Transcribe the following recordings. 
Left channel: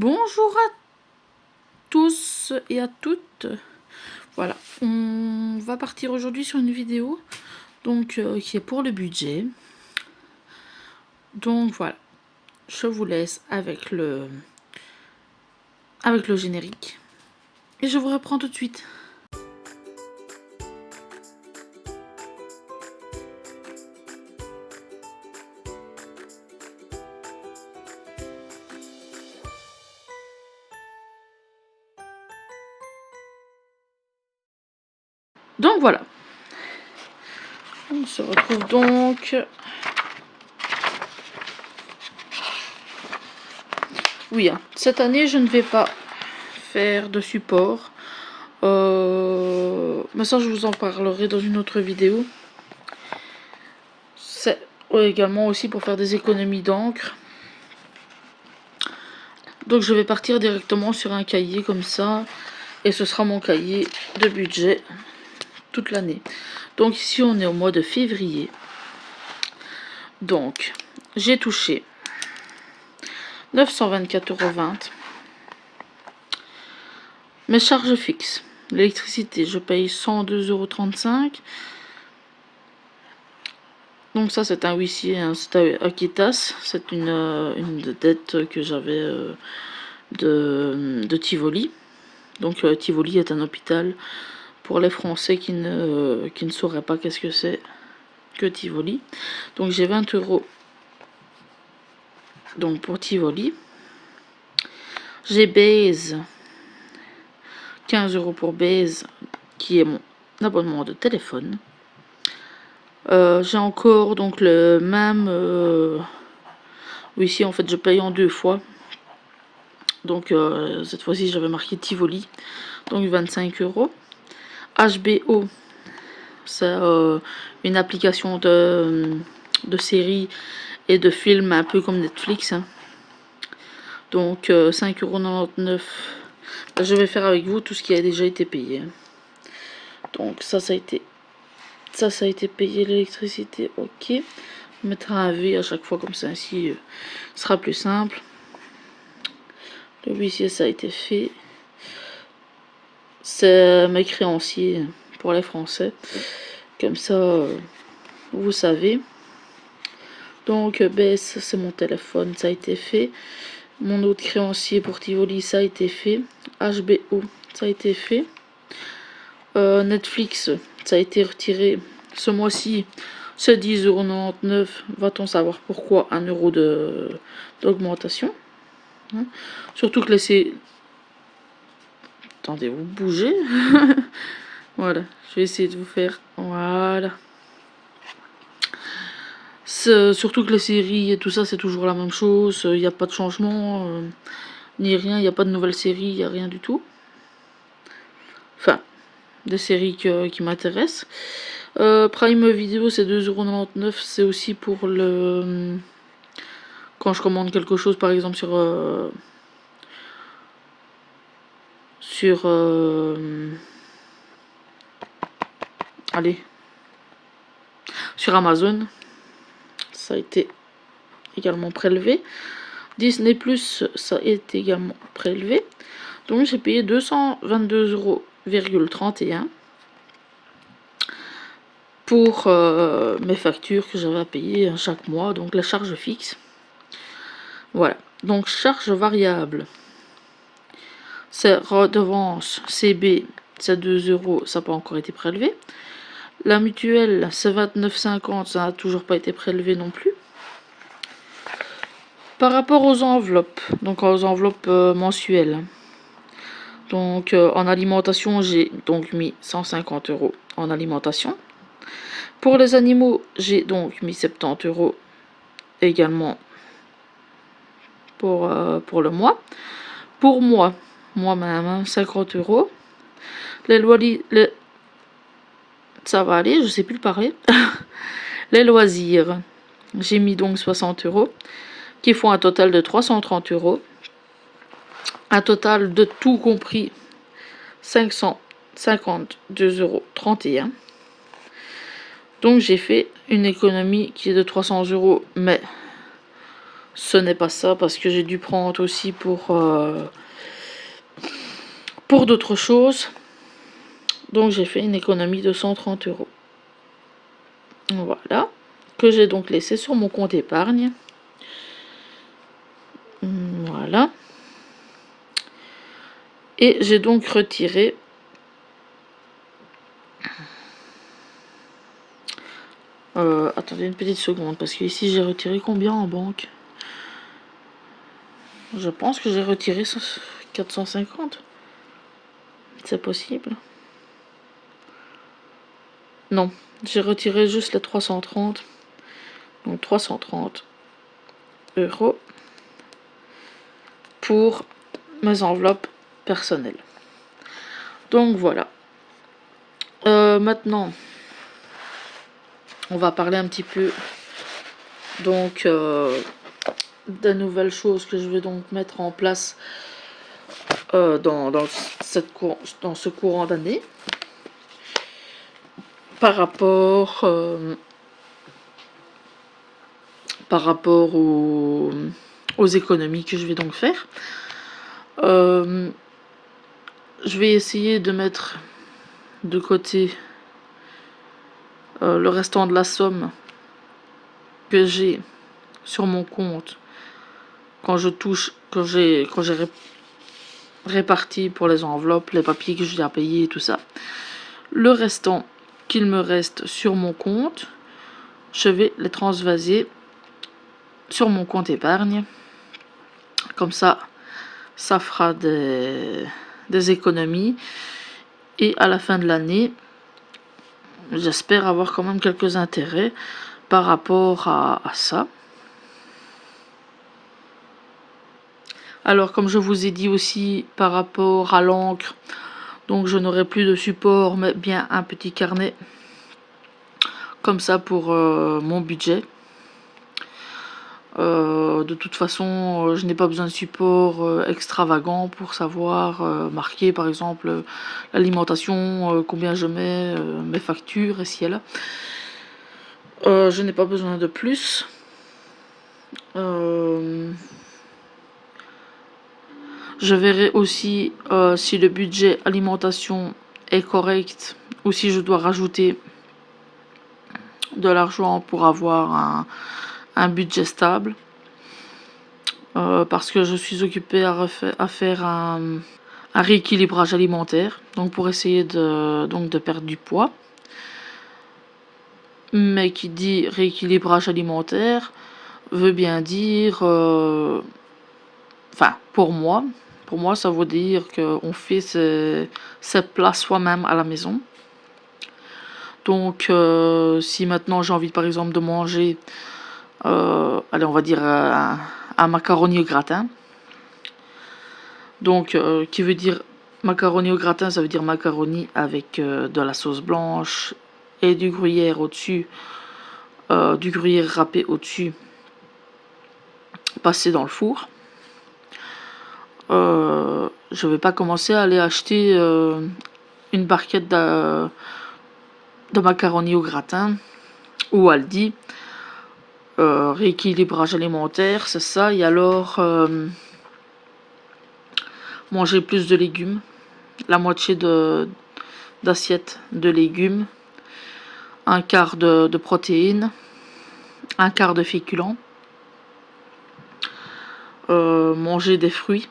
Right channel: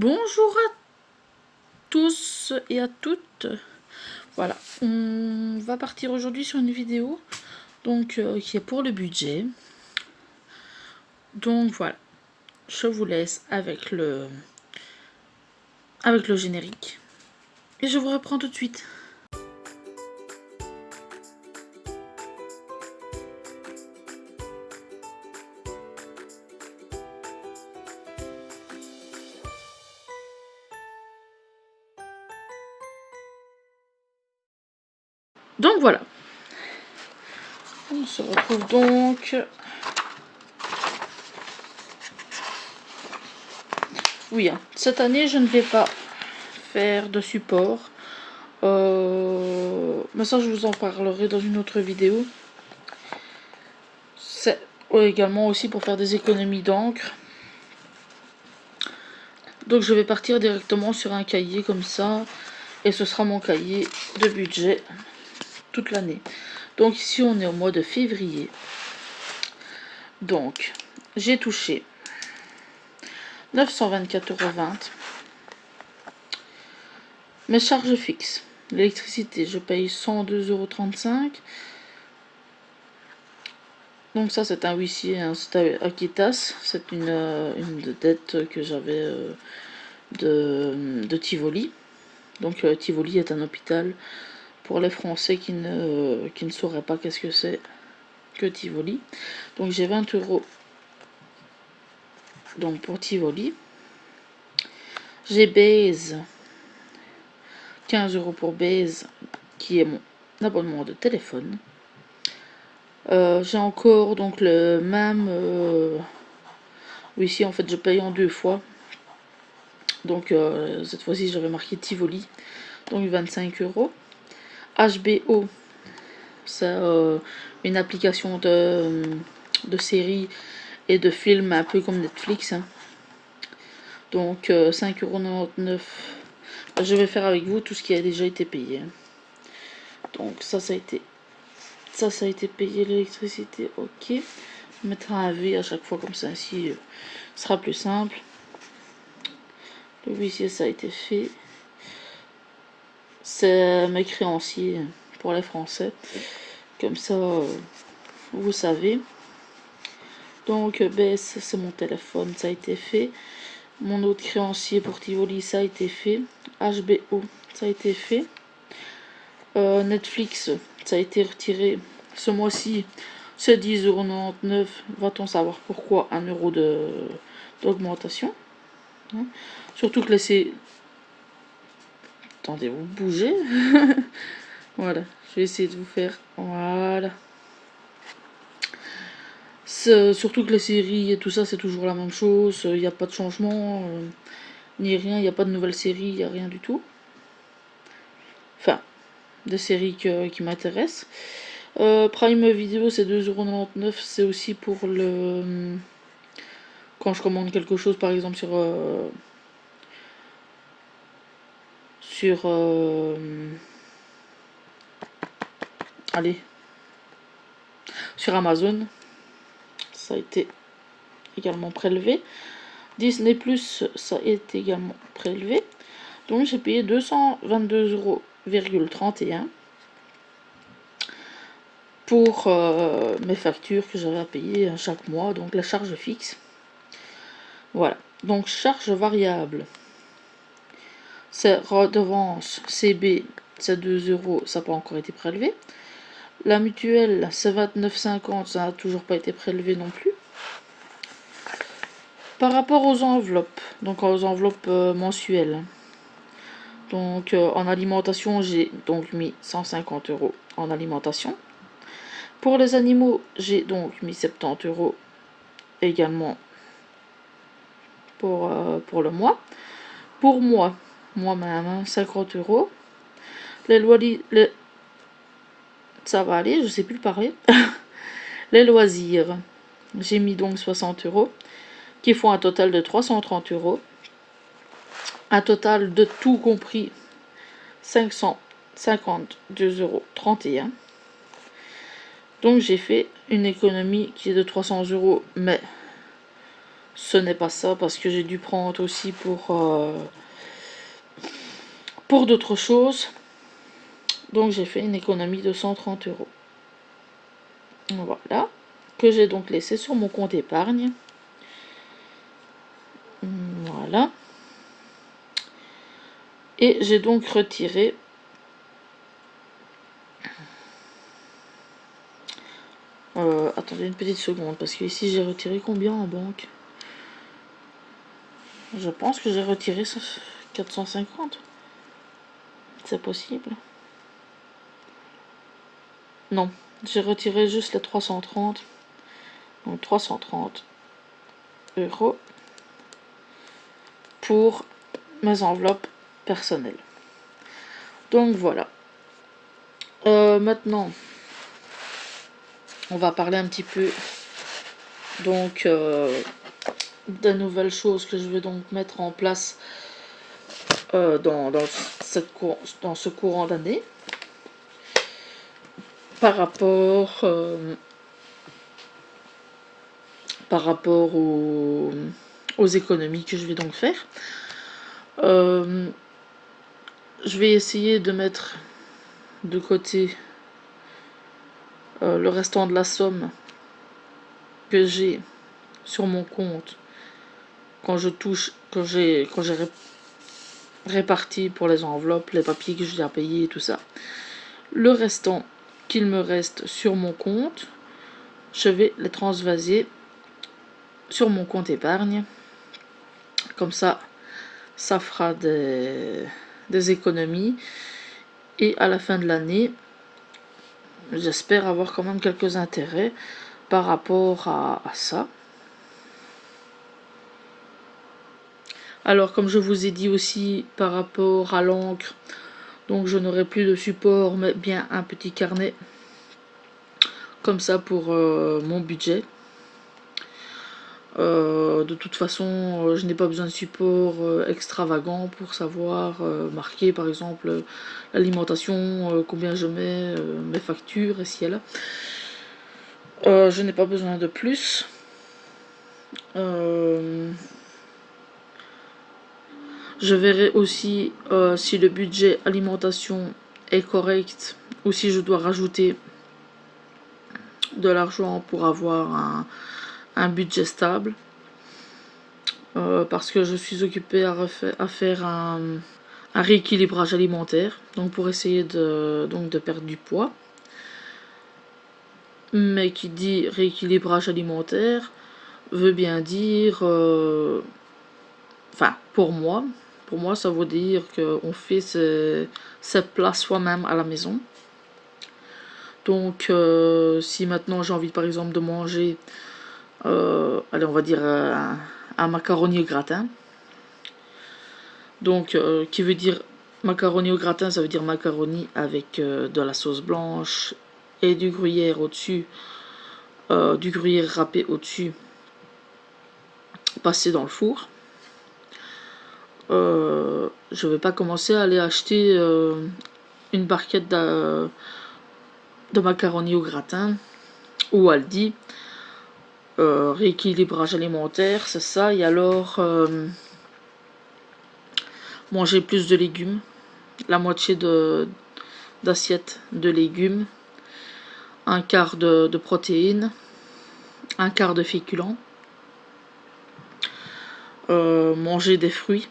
Bonjour à tous et à toutes. Voilà, on va partir aujourd'hui sur une vidéo donc qui est pour le budget. Donc voilà, je vous laisse avec le générique et je vous reprends tout de suite. Donc voilà, on se retrouve donc. Oui, hein, cette année je ne vais pas faire de support. Mais ça je vous en parlerai dans une autre vidéo. C'est également aussi pour faire des économies d'encre. Donc je vais partir directement sur un cahier comme ça. Et ce sera mon cahier de budget toute l'année. Donc ici on est au mois de février. Donc j'ai touché 924,20 €. Mes charges fixes. L'électricité, je paye 102,35 €. Donc ça c'est un huissier, hein, c'est à Aquitas. C'est une dette que j'avais de Tivoli. Donc Tivoli est un hôpital pour les Français qui ne sauraient pas qu'est-ce que c'est que Tivoli. Donc j'ai 20 € donc pour Tivoli. J'ai Baze, 15 € pour Baze, qui est mon abonnement de téléphone. J'ai encore donc le même. Ici en fait je paye en deux fois. Donc cette fois-ci j'avais marqué Tivoli, donc 25 €. HBO, c'est une application de séries et de films un peu comme Netflix, hein. Donc 5,99 €. Je vais faire avec vous tout ce qui a déjà été payé. Donc ça a été payé, l'électricité, ok. On mettra un V à chaque fois comme ça, ainsi ce sera plus simple. Le huissier, ça a été fait. C'est mes créanciers pour les Français. Comme ça, vous savez. Donc BS, c'est mon téléphone, ça a été fait. Mon autre créancier pour Tivoli, ça a été fait. HBO, ça a été fait. Netflix, ça a été retiré ce mois-ci. C'est 10,99 €. Va-t-on savoir pourquoi 1 € d'augmentation, hein. Surtout que laissez. Attendez, vous bougez. Voilà, je vais essayer de vous faire. Voilà. Surtout que les séries et tout ça, c'est toujours la même chose. Il n'y a pas de changement, ni rien. Il n'y a pas de nouvelles séries, il n'y a rien du tout. Enfin, des séries qui m'intéressent. Prime Video, c'est 2,99 €. C'est aussi pour le. Quand je commande quelque chose, par exemple allez, sur Amazon, ça a été également prélevé. Disney Plus, ça a été également prélevé. Donc j'ai payé 222,31 € pour mes factures que j'avais à payer chaque mois, donc la charge fixe. Voilà, donc charge variable, c'est redevance CB, c'est 2 €, ça n'a pas encore été prélevé. La mutuelle, c'est 29,50 €, ça n'a toujours pas été prélevé non plus. Par rapport aux enveloppes, donc aux enveloppes mensuelles, donc en alimentation, j'ai donc mis 150 € en alimentation. Pour les animaux, j'ai donc mis 70 € également pour le mois. Pour moi-même, 50 €. Les loisirs, ça va aller, je sais plus le parler. Les loisirs, j'ai mis donc 60 €, qui font un total de 330 €. Un total de tout compris, 552,31 €. Donc j'ai fait une économie qui est de 300 €, mais ce n'est pas ça, parce que j'ai dû prendre aussi pour d'autres choses. Donc j'ai fait une économie de 130 €. Voilà, que j'ai donc laissé sur mon compte épargne. Voilà. Et j'ai donc retiré attendez une petite seconde, parce que ici j'ai retiré combien en banque? Je pense que j'ai retiré 450. C'est possible? Non, j'ai retiré juste les 330. Donc 330 € pour mes enveloppes personnelles. Donc voilà. Maintenant, on va parler un petit peu donc des nouvelles choses que je vais donc mettre en place dans ce courant d'année par rapport aux économies que je vais donc faire. Je vais essayer de mettre de côté le restant de la somme que j'ai sur mon compte quand j'ai réparti pour les enveloppes, les papiers que j'ai à payer et tout ça. Le restant qu'il me reste sur mon compte, je vais les transvaser sur mon compte épargne. Comme ça fera des économies. Et à la fin de l'année, j'espère avoir quand même quelques intérêts par rapport à ça. Alors, comme je vous ai dit aussi par rapport à l'encre, donc je n'aurai plus de support, mais bien un petit carnet comme ça pour mon budget. De toute façon, je n'ai pas besoin de support extravagant pour savoir marquer par exemple l'alimentation, combien je mets, mes factures ici et là. Je n'ai pas besoin de plus. Je verrai aussi si le budget alimentation est correct ou si je dois rajouter de l'argent pour avoir un budget stable. Parce que je suis occupée à faire un rééquilibrage alimentaire, donc pour essayer de perdre du poids. Mais qui dit rééquilibrage alimentaire veut bien dire, enfin pour moi ça veut dire qu'on fait ses plats soi-même à la maison. Donc si maintenant j'ai envie par exemple de manger, allez on va dire un macaroni au gratin. Donc qui veut dire macaroni au gratin, ça veut dire macaroni avec de la sauce blanche et du gruyère au-dessus, du gruyère râpé au-dessus, passé dans le four. Je vais pas commencer à aller acheter une barquette de macaroni au gratin ou Aldi. Rééquilibrage alimentaire, c'est ça. Et alors manger plus de légumes, la moitié d'assiette de légumes, un quart de protéines, un quart de féculents, manger des fruits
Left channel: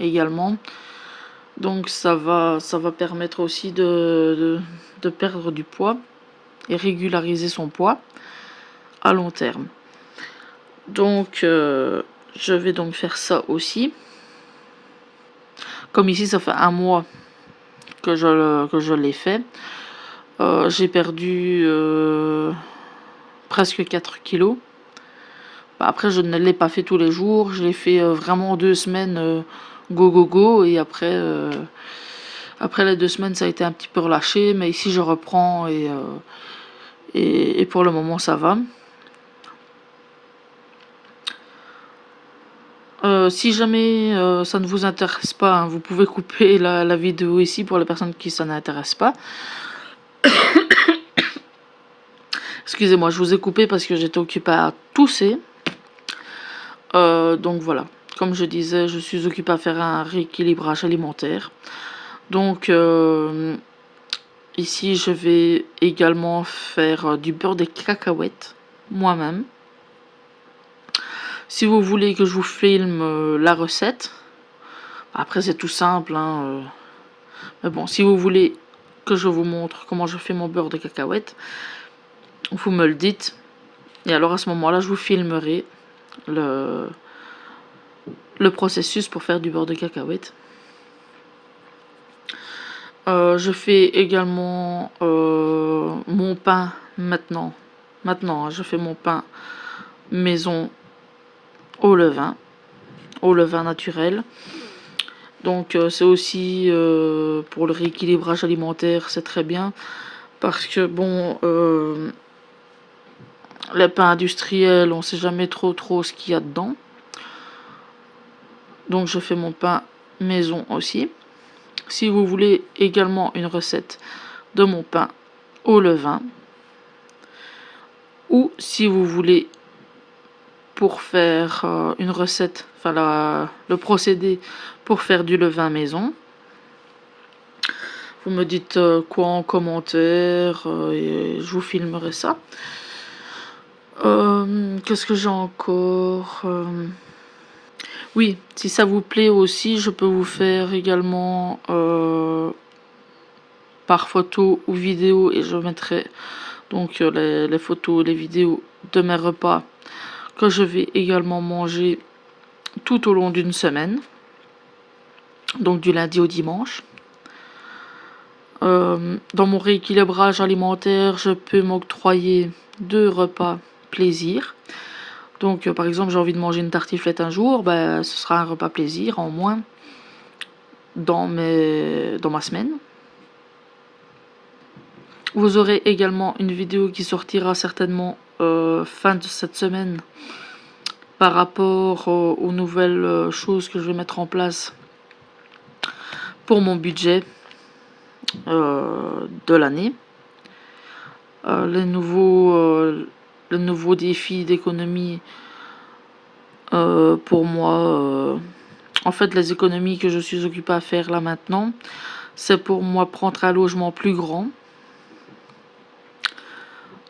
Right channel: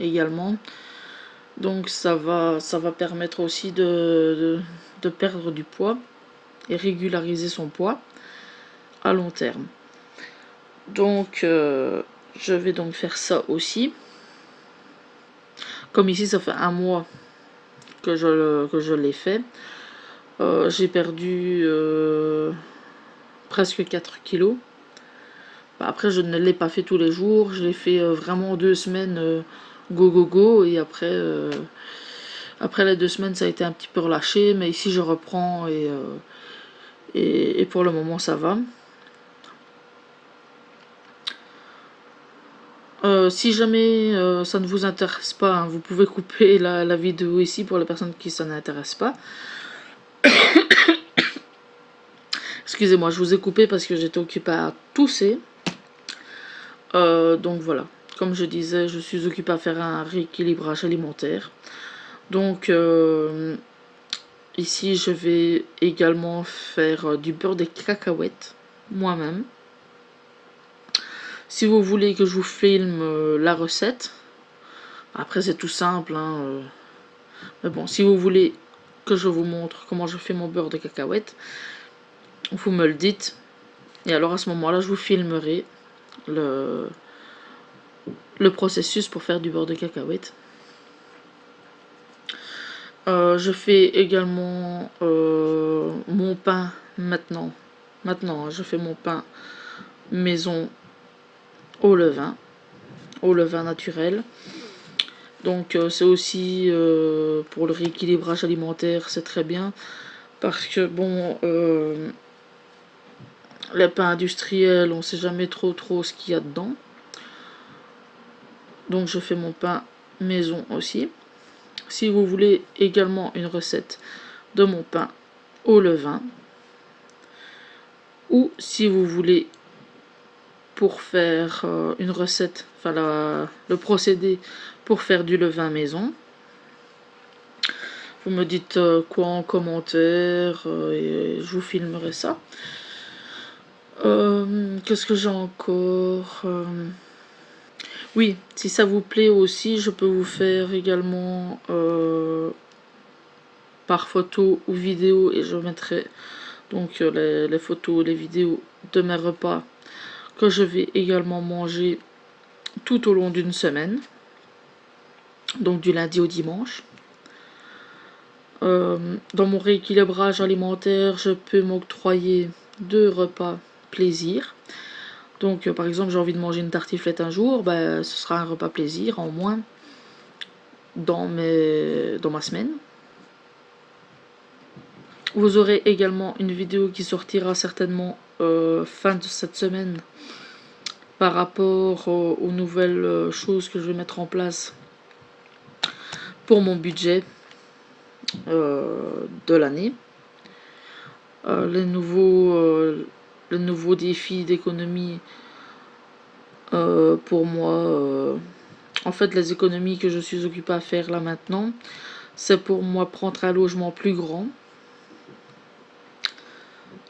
également. Donc ça va permettre aussi de perdre du poids et régulariser son poids à long terme. Donc je vais donc faire ça aussi. Comme ici ça fait un mois que je l'ai fait. J'ai perdu presque 4 kilos. Après je ne l'ai pas fait tous les jours, je l'ai fait vraiment 2 semaines go et après les 2 semaines ça a été un petit peu relâché, mais ici je reprends et pour le moment ça va. Si jamais ça ne vous intéresse pas, hein, vous pouvez couper la vidéo ici pour les personnes qui ça n'intéresse pas. Excusez-moi, je vous ai coupé parce que j'étais occupée à tousser. Donc voilà, comme je disais, je suis occupée à faire un rééquilibrage alimentaire. Donc ici, je vais également faire du beurre de cacahuètes moi-même. Si vous voulez que je vous filme la recette, après c'est tout simple, hein, mais bon, si vous voulez que je vous montre comment je fais mon beurre de cacahuètes, vous me le dites. Et alors à ce moment-là, je vous filmerai le processus pour faire du beurre de cacahuètes. Je fais également mon pain maintenant. Maintenant, hein, je fais mon pain maison au levain naturel. Donc c'est aussi pour le rééquilibrage alimentaire, c'est très bien. Parce que bon, les pains industriels, on sait jamais trop ce qu'il y a dedans. Donc je fais mon pain maison aussi. Si vous voulez également une recette de mon pain au levain, ou si vous voulez pour faire une recette, enfin le procédé pour faire du levain maison, vous me dites quoi en commentaire et je vous filmerai ça. Qu'est-ce que j'ai encore Oui, si ça vous plaît aussi, je peux vous faire également par photo ou vidéo, et je mettrai donc les photos et les vidéos de mes repas que je vais également manger tout au long d'une semaine, donc du lundi au dimanche. Dans mon rééquilibrage alimentaire, je peux m'octroyer 2 repas plaisir. Donc par exemple, j'ai envie de manger une tartiflette un jour, ben, ce sera un repas plaisir en moins dans ma semaine. Vous aurez également une vidéo qui sortira certainement fin de cette semaine par rapport aux nouvelles choses que je vais mettre en place pour mon budget de l'année. Le nouveau défi d'économie pour moi, en fait les économies que je suis occupée à faire là maintenant, c'est pour moi prendre un logement plus grand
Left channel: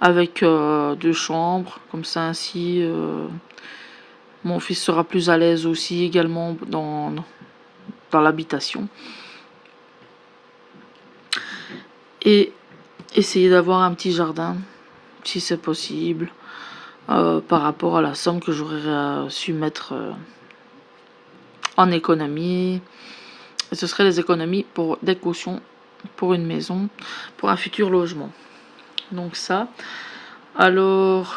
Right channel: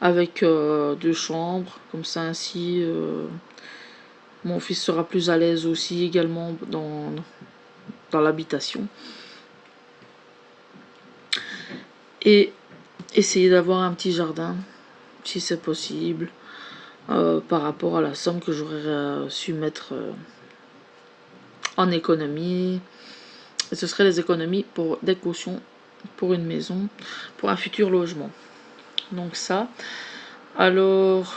avec 2 chambres, comme ça ainsi mon fils sera plus à l'aise aussi également dans l'habitation. Et essayer d'avoir un petit jardin, si c'est possible, par rapport à la somme que j'aurais su mettre en économie. Et ce serait les économies pour des cautions pour une maison, pour un futur logement. Donc ça. Alors,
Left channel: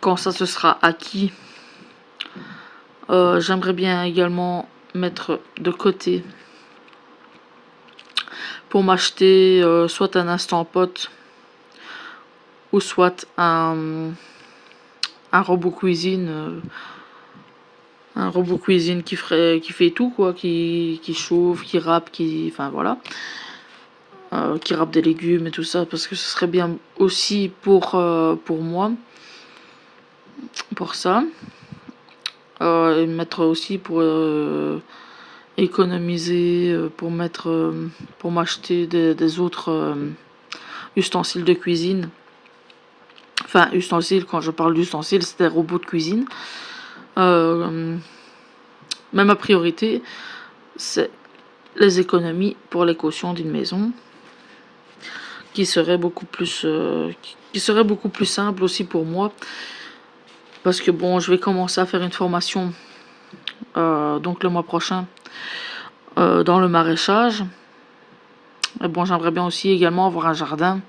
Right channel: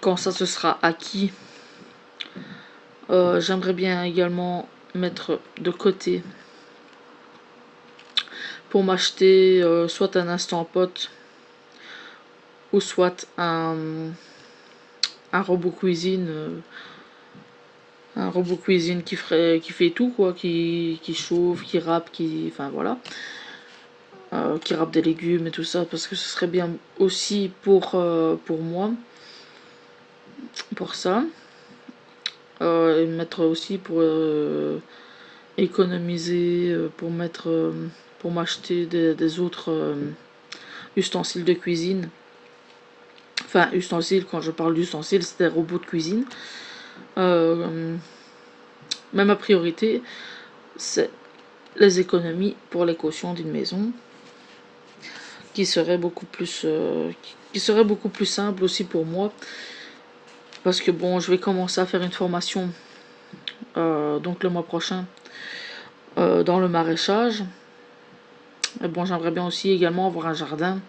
quand ça se sera acquis, j'aimerais bien également mettre de côté pour m'acheter soit un Instant Pot ou soit un robot cuisine. Un robot cuisine qui fait tout, quoi, qui chauffe, qui râpe, enfin voilà. Qui râpe des légumes et tout ça, parce que ce serait bien aussi pour moi, pour ça. Et mettre aussi pour économiser, pour m'acheter des autres ustensiles de cuisine. Enfin, ustensiles, quand je parle d'ustensiles, c'est des robots de cuisine. Mais ma priorité, c'est les économies pour les cautions d'une maison, qui serait beaucoup plus simple aussi pour moi, parce que bon, je vais commencer à faire une formation donc le mois prochain dans le maraîchage. Et bon, j'aimerais bien aussi également avoir un jardin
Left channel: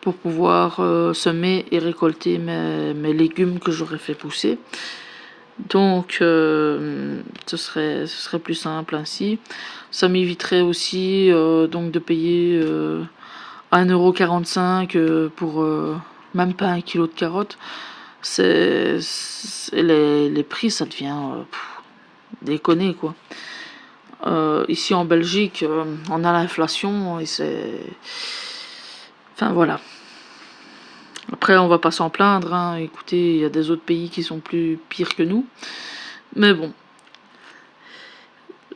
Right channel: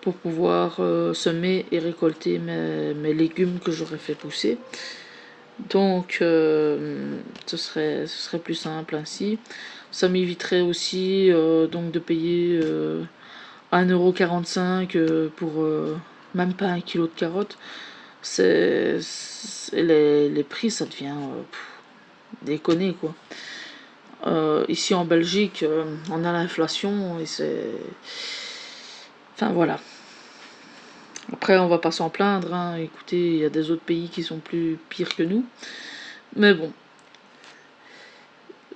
pour pouvoir semer et récolter mes légumes que j'aurais fait pousser. Donc ce serait plus simple ainsi. Ça m'éviterait aussi donc de payer 1,45 € pour même pas 1 kilo de carottes. Les prix, ça devient déconner, quoi. Ici en Belgique, on a l'inflation et c'est... Enfin voilà. Après, on va pas s'en plaindre, hein. Écoutez, il y a des autres pays qui sont plus pires que nous. Mais bon,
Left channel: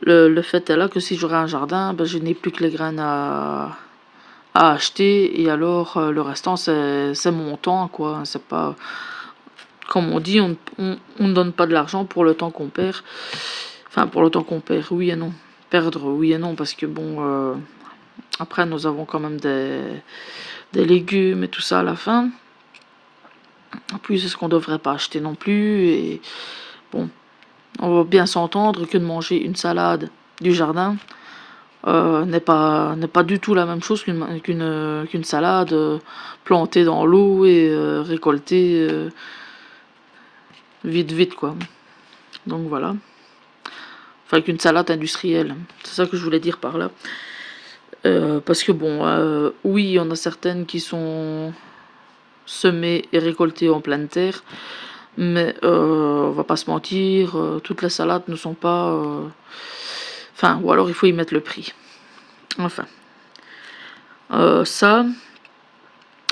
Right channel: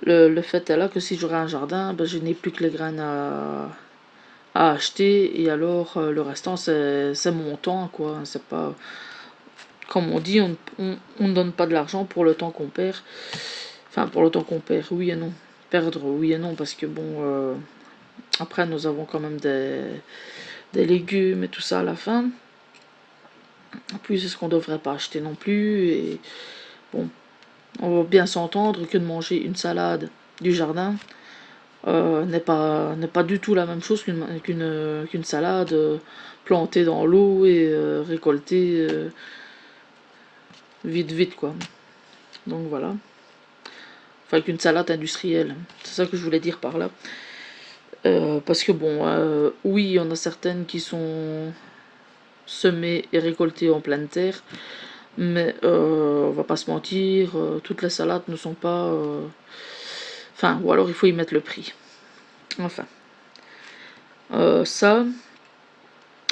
le fait est là que si j'aurais un jardin, ben, je n'ai plus que les graines à acheter, et alors le restant, c'est mon temps, quoi. C'est pas, comme on dit, on ne donne pas de l'argent pour le temps qu'on perd. Enfin, pour le temps qu'on perd, oui et non. Perdre, oui et non, parce que bon, après, nous avons quand même des légumes et tout ça à la fin. En plus, c'est ce qu'on devrait pas acheter non plus. Et bon, on va bien s'entendre que de manger une salade du jardin n'est pas du tout la même chose qu'une salade plantée dans l'eau et récoltée vite, quoi. Donc voilà. Enfin, qu'une salade industrielle. C'est ça que je voulais dire par là. Parce que bon, oui, il y en a certaines qui sont semées et récoltées en pleine terre, mais on va pas se mentir, toutes les salades ne sont pas... Enfin, ou alors il faut y mettre le prix. Enfin, ça,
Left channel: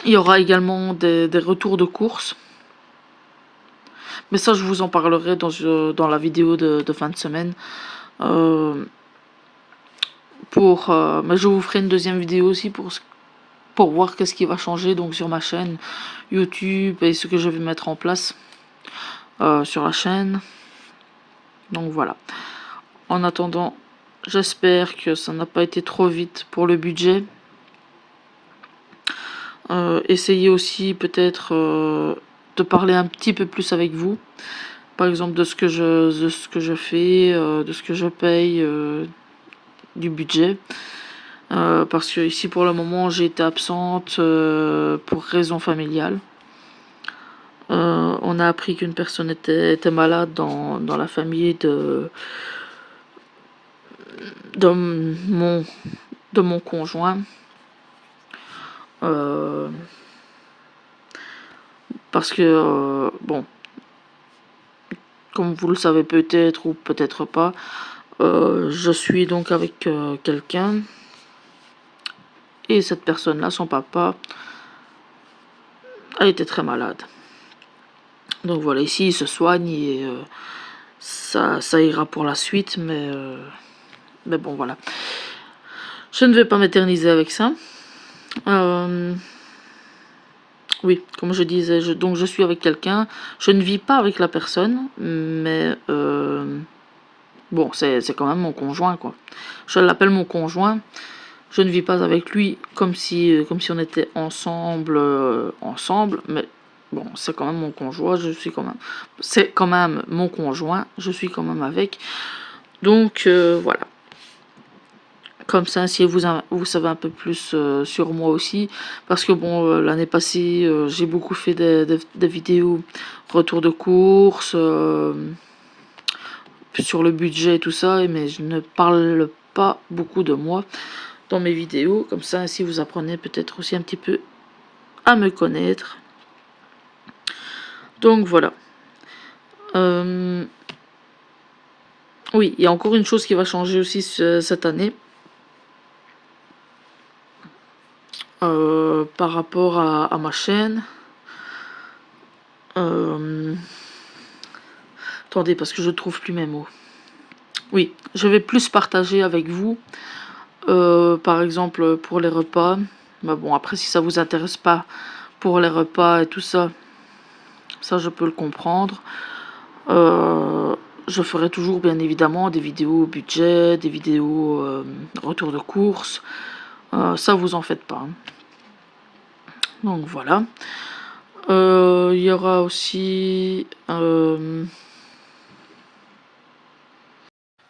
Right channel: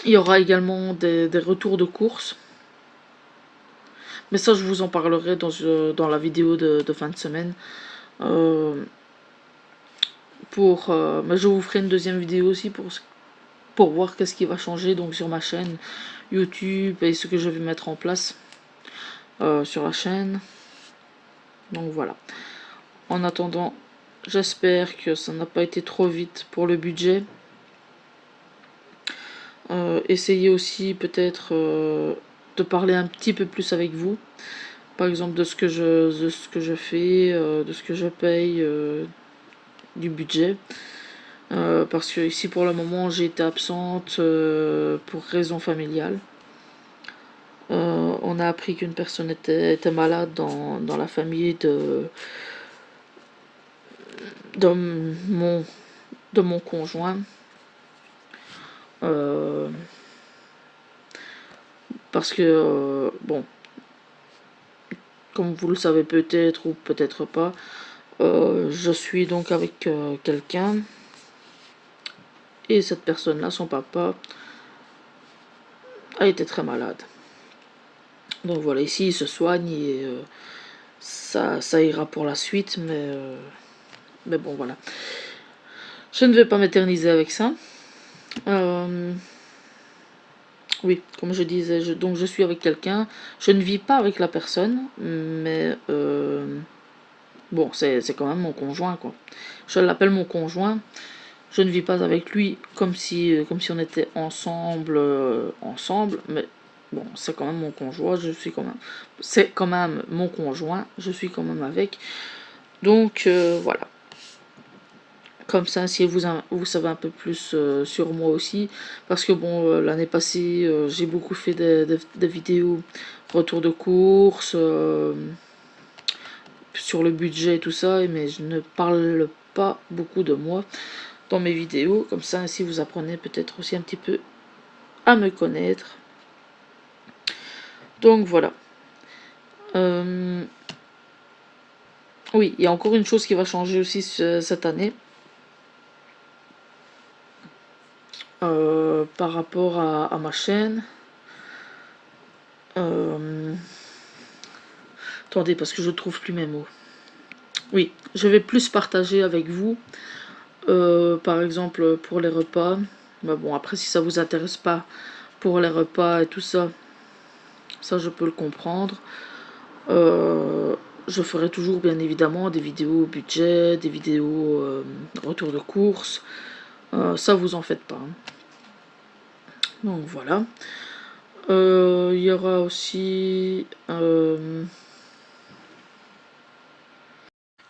il y aura également des retours de course. Mais ça, je vous en parlerai dans la vidéo de fin de semaine. Mais je vous ferai une deuxième vidéo aussi pour voir qu'est-ce qui va changer donc sur ma chaîne YouTube et ce que je vais mettre en place sur la chaîne. Donc voilà. En attendant, j'espère que ça n'a pas été trop vite pour le budget. Essayez aussi peut-être de parler un petit peu plus avec vous. Par exemple de ce que je fais, de ce que je paye, du budget. Parce que ici pour le moment j'ai été absente pour raison familiale. On a appris qu'une personne était malade dans la famille de mon conjoint. Parce que, bon, comme vous le savez peut-être ou peut-être pas, je suis donc avec quelqu'un. Et cette personne-là, son papa, elle était très malade. Donc voilà, ici il se soigne et ça ira pour la suite, mais bon voilà. Je ne vais pas m'éterniser avec ça. Oui, comme je disais, donc je suis avec quelqu'un. Je ne vis pas avec la personne, mais bon, c'est quand même mon conjoint, quoi. Je l'appelle mon conjoint. Je ne vis pas avec lui comme si on était ensemble, mais bon, c'est quand même mon conjoint. C'est quand même mon conjoint. Je suis quand même avec. Donc voilà. Comme ça, si vous savez un peu plus sur moi aussi. Parce que bon, l'année passée, j'ai beaucoup fait des vidéos retour de course, sur le budget et tout ça, mais je ne parle pas beaucoup de moi dans mes vidéos. Comme ça, si vous apprenez peut-être aussi un petit peu à me connaître. Donc voilà. Oui, il y a encore une chose qui va changer aussi cette année. Par rapport à ma chaîne. Attendez, parce que je trouve plus mes mots. Oui, je vais plus partager avec vous. Par exemple, pour les repas. Mais bon, après, si ça vous intéresse pas pour les repas et tout ça, ça je peux le comprendre. Je ferai toujours, bien évidemment, des vidéos budget, des vidéos retour de course. Ça, vous en faites pas. Hein. Donc voilà. Il y aura aussi...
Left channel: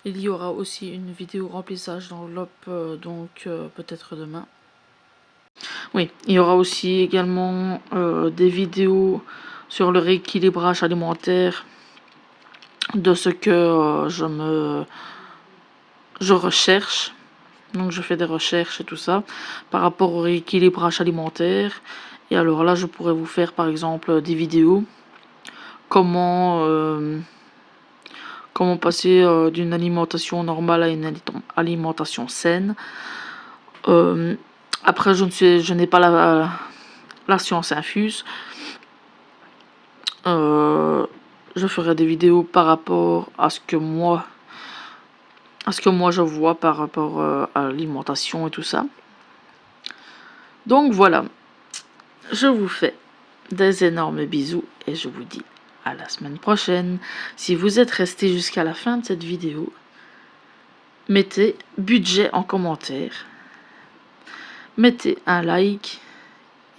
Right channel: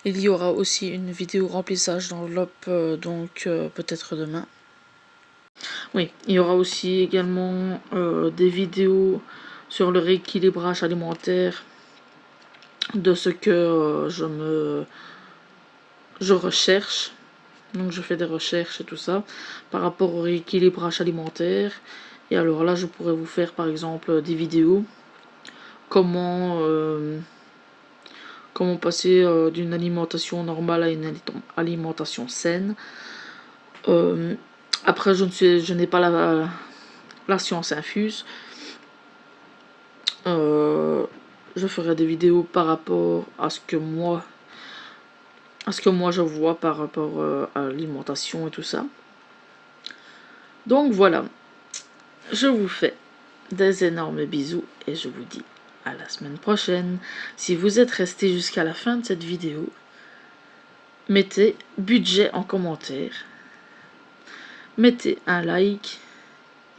il y aura aussi une vidéo remplissage d'enveloppe, donc peut-être demain. Oui, il y aura aussi également des vidéos sur le rééquilibrage alimentaire de ce que je recherche. Donc je fais des recherches et tout ça par rapport au rééquilibrage alimentaire. Et alors là, je pourrais vous faire par exemple des vidéos. Comment passer d'une alimentation normale à une alimentation saine. Après, je n'ai pas la science infuse. Je ferai des vidéos par rapport à ce que moi je vois par rapport à l'alimentation et tout ça. Donc voilà, je vous fais des énormes bisous et je vous dis à la semaine prochaine. Si vous êtes resté jusqu'à la fin de cette vidéo, mettez budget en commentaire, mettez un like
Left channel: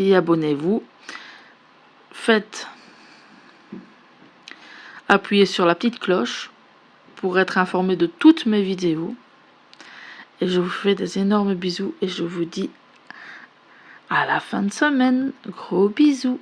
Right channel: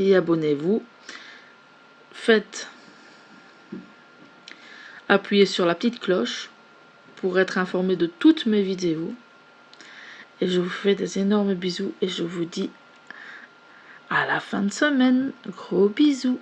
et abonnez-vous. Appuyez sur la petite cloche pour être informé de toutes mes vidéos. Et je vous fais des énormes bisous et je vous dis à la fin de semaine. Gros bisous.